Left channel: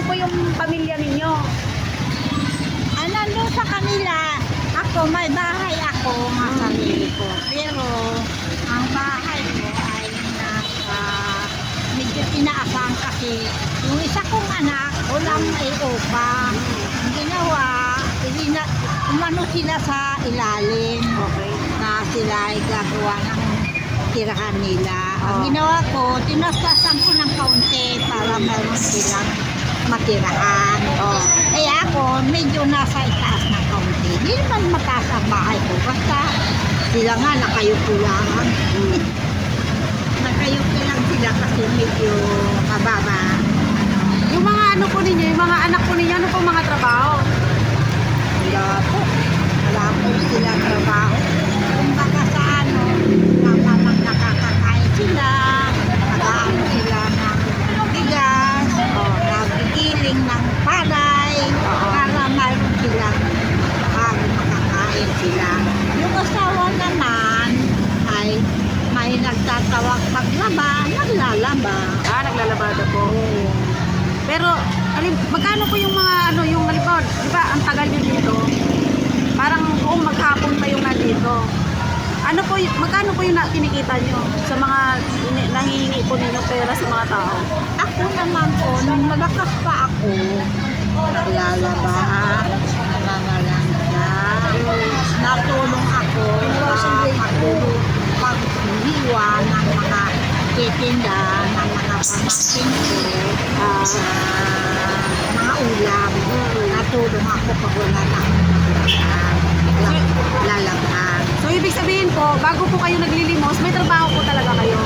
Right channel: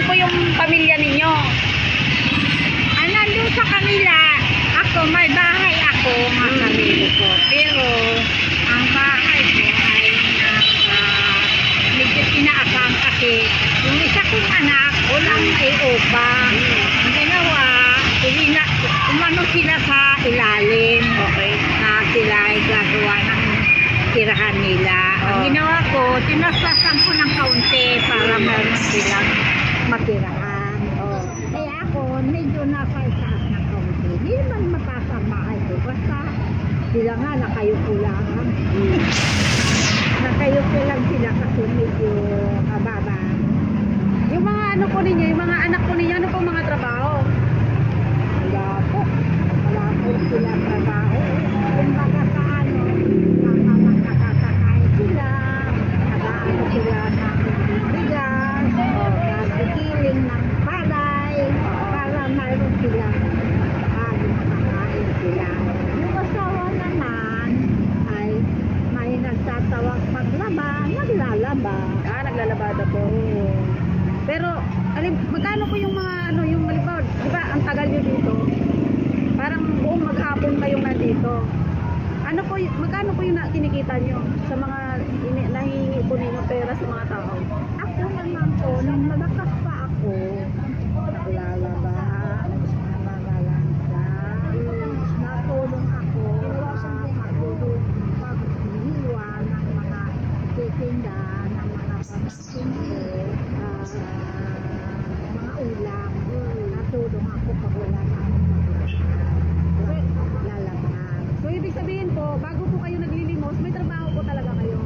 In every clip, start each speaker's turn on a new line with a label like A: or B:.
A: Nasaan po yung pamilya ninyo?
B: Ah, nandun sa kanila, ako, may bahay ako, mga
A: Hmm.
B: sarili ko. Pero, ang bahay ko ay nasa, medyo inaabang kasi yung isa kong anak, walang ay upa. Ang ginawa, ilina, umano sila sa ilalim
A: Okay.
B: na sila ay gagawa ng tirahan nila. Ang
A: Oh.
B: ginawa ko, tinastasan ko ng kaunti para meron silang matirahan. Oh. Kaya ako, medyo nasa itaas ng kaunti. Hindi naman mataas ang bahay ko. Basta sila nga nakayuko lang. nakayuko lang sila kasi medyo mababa.
A: Yung mga ano po ninyo, yung mga anak po ninyo, ano po mga trabaho?
B: Wala po. Wala po sila trabaho. Kung baka sa ano, napamang nakakakain sila, nag-ano sila ng bigas, nagigiling ng palay, para mayroon silang bago makakain sila. Yung asawa naman ay may nagtatawag paglaba, naglalaba.
A: Ah, naglalabada po. Pero, alim, magkano po yung mga ano, yung halimbawa, di ba, ang tagal nyo dito, parang buong maghapon kayong nandito. Ano po, magkano po yung na, kinikita nyo sa mga nangihingi po ninyo pera sa mga tao?
B: Ako naman po, nung malakas pa ako, naglalaba, nangangalangga, natulong ako sa pagtulong, paghiwa ng mga titinda, ng mga pamangkin ko, ah, ulam. Natulong ako pag wala na. Lalabhan.
A: So, ibig sabihin po, bago po kayo naglilimos, may trabaho po talaga kayo.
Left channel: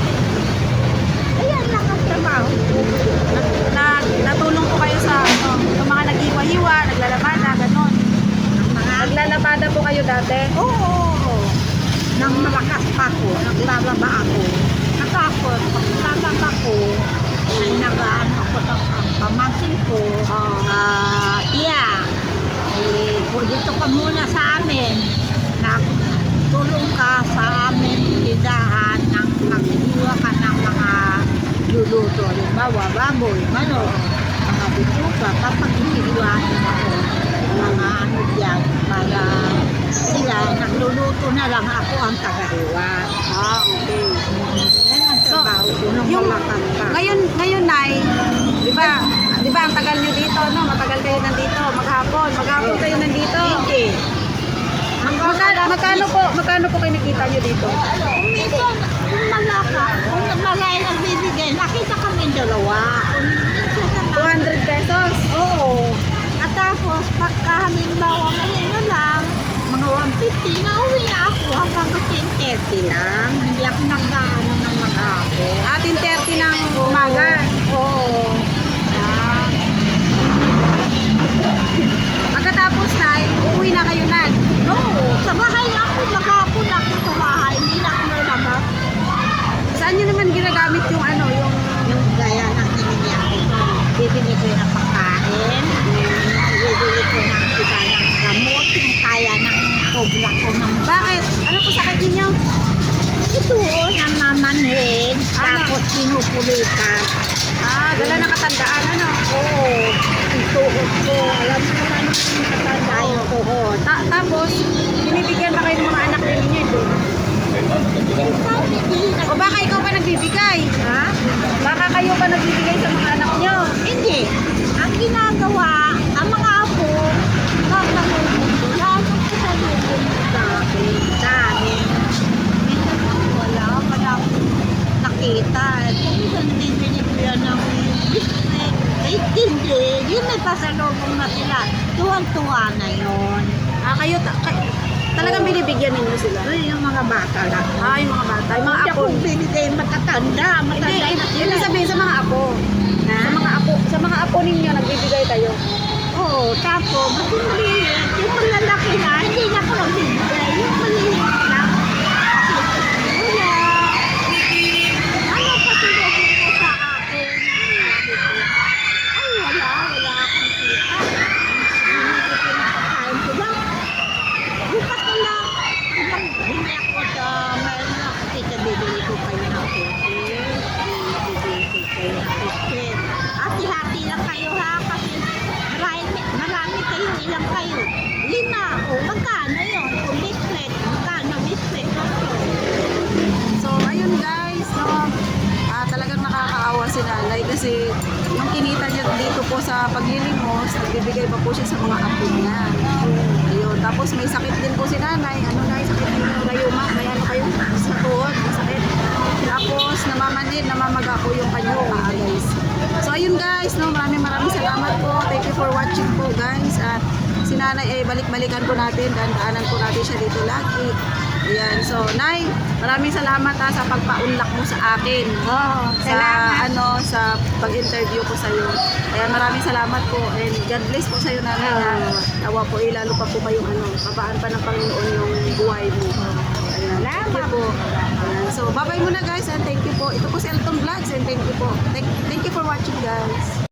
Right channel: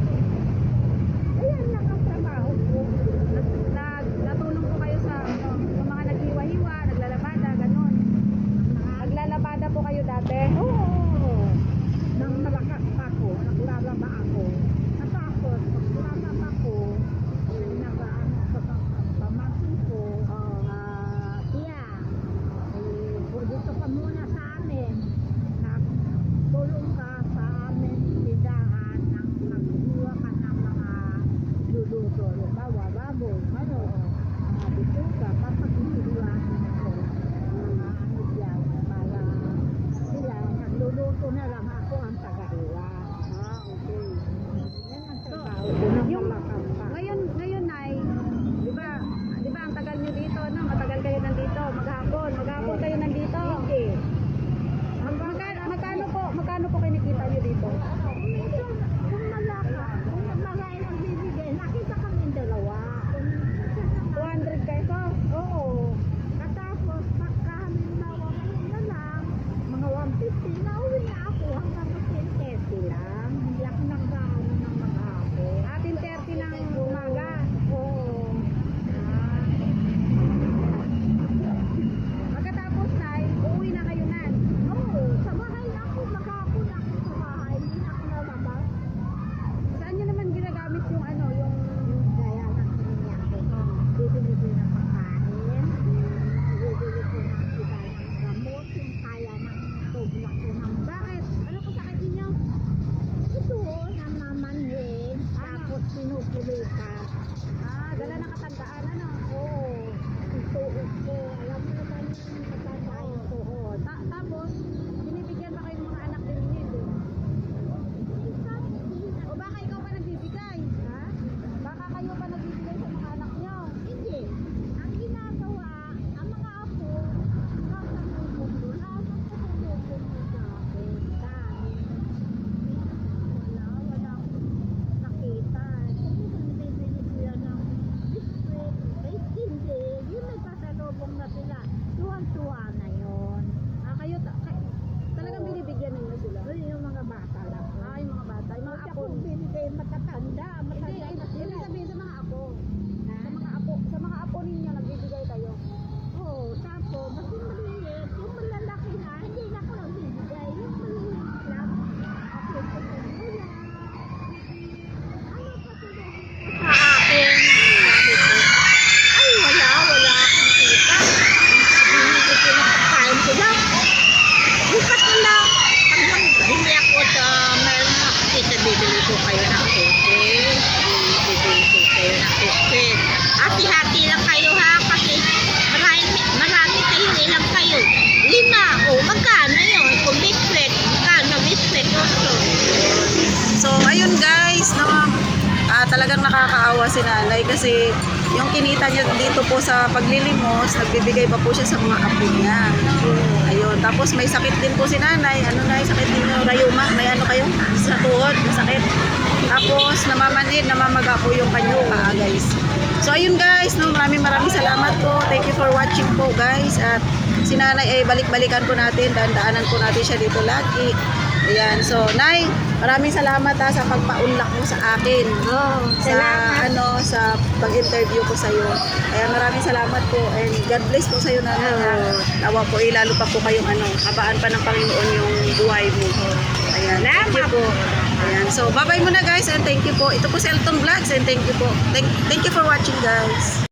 B: Ayan lang ang trabaho.
A: Na, natulong po kayo sa ano, yung mga naghiwa-hiwa, naglalabada, ganon.
B: Mga
A: Naglalabada po kayo dati.
B: Oo. Nang malakas pa ako, naglalaba ako. Halimbawa, baboy, manok, mga bituka. Kapag hinihiwain ako, mga ano diyan, para sila nagluluto na lang ako ang tagahiwa.
A: Ah, okay.
B: Yan ang
A: So,
B: trabaho nung
A: yung-. Ngayon, ngayon, Nay, di ba, di ba ang tagal nyo dito, no? Matagal kayo nandito, maghapon, maghapon kayo nandito.
B: Hindi.
A: Magkano, magkano po, magkano po kayo nakita nyo dito?
B: Kung minsan, kung malaka, kung malay nagbibigay, nakita kami dalawa. Kung minsan naman,
A: 200 pesos.
B: Oo. At tapos, pagka halimbawa ngayon na lang, mga 150, nauwi na ako hanggang 10.30 lang. Hindi ako nagdaano ng mga ako.
A: Atin 30 ng umaga.
B: Oo.
A: Ah. Pagkatapos, Nay, uuwi na kayo na.
B: No, sa bahay ako, maghapon ako sa bahay. Hindi na ako nalabas.
A: Saan nyo naman ginagamit yung ano, yung...
B: Yung gaya ng hiningi ako. Bibili ko ng pagkain. Bibili ko ng iba ng gamot. Yung kaya ng sobra ko ng
A: Bakit? Ano po sakit ninyo?
B: Ito, namamanhid. Tapos pinupulitan.
A: Ah, dala na katandaan, ano?
B: Oo. Ito ko. Alam mo naman yung katanda yung tuhod.
A: Ta tapos, binibigyan ba kayo ng mga anak din ninyo ito?
B: Sabi, di na.
A: O baka ikaw pa nagbibigay?
B: Ha?
A: Baka kayo pa nagbibigay sa mga anak nyo?
B: Hindi. Ang ginagawa, ang mga apo, kakalunod ko, lalo ko sa lubong sa akin, sa amin. Minsan ako wala, wala akong nakita. Minsan din binibigyan ng biscuit. Eh, hindi. Yun may pasalubong na sila. Tuwang-tuwa na yun.
A: Ah, kayo, ta kay- binibigyan ninyo sila?
B: Ay, yung mga bata lang.
A: Ah, yung mga bata, yung mga
B: Hindi
A: apo.
B: akong binigay matatanda.
A: Hindi,
B: Matanda na sila.
A: ang sabihin sa mga apo.
B: Ha?
A: Sa mga apo, sa mga apo ninyo, nagbibigay kayo.
B: Oo, tapos, yung maliit, yung malalaki na, hindi na ako nagbibigay. po kayo ng konti. Bibigay kayo ng biscuit. Hati-hati lang kayo ha kasi marami, marami kayong ilang kayo. Lima. O oh, magkano yun? Kung biscuit, magkano biscuit also. So ayun guys, no? Ah,
A: talagang nakakaawa si nanay kasi yung kinita niya dito po sa paglilimos, nagbibigay pa po siya sa mga apo niya. Ayun, tapos may sakit din po si nanay. Ano na yung sakit niyo? Rayuma? May ano kayo? Sa tuhod, masakit. Tapos namamanid, namamaga po yung kanyang paa guys. So ayun guys, no, maraming maraming salamat po. Thank you for watching po guys. At si nanay ay balik-balikan po natin, daan-daanan po natin siya dito lagi. Ayan, so Nay, maraming salamat ha, sa pagpaunlak mo sa akin.
B: Oh,
A: Sa
B: salamat.
A: ano, sa pag-interview ko sa iyo. Kaya maraming salamat po and God bless po sa iyo nanay.
B: Oh.
A: Tawa po, eh, lalo pa po kayong ano, kabaan pa ng Panginoon yung buhay mo. Ayan, thank you
B: Salamat.
A: po. Ayan, so bye-bye muna guys and thank you po. Ito po si Elton Vlogs and thank you po. Thank, thank you for watching guys.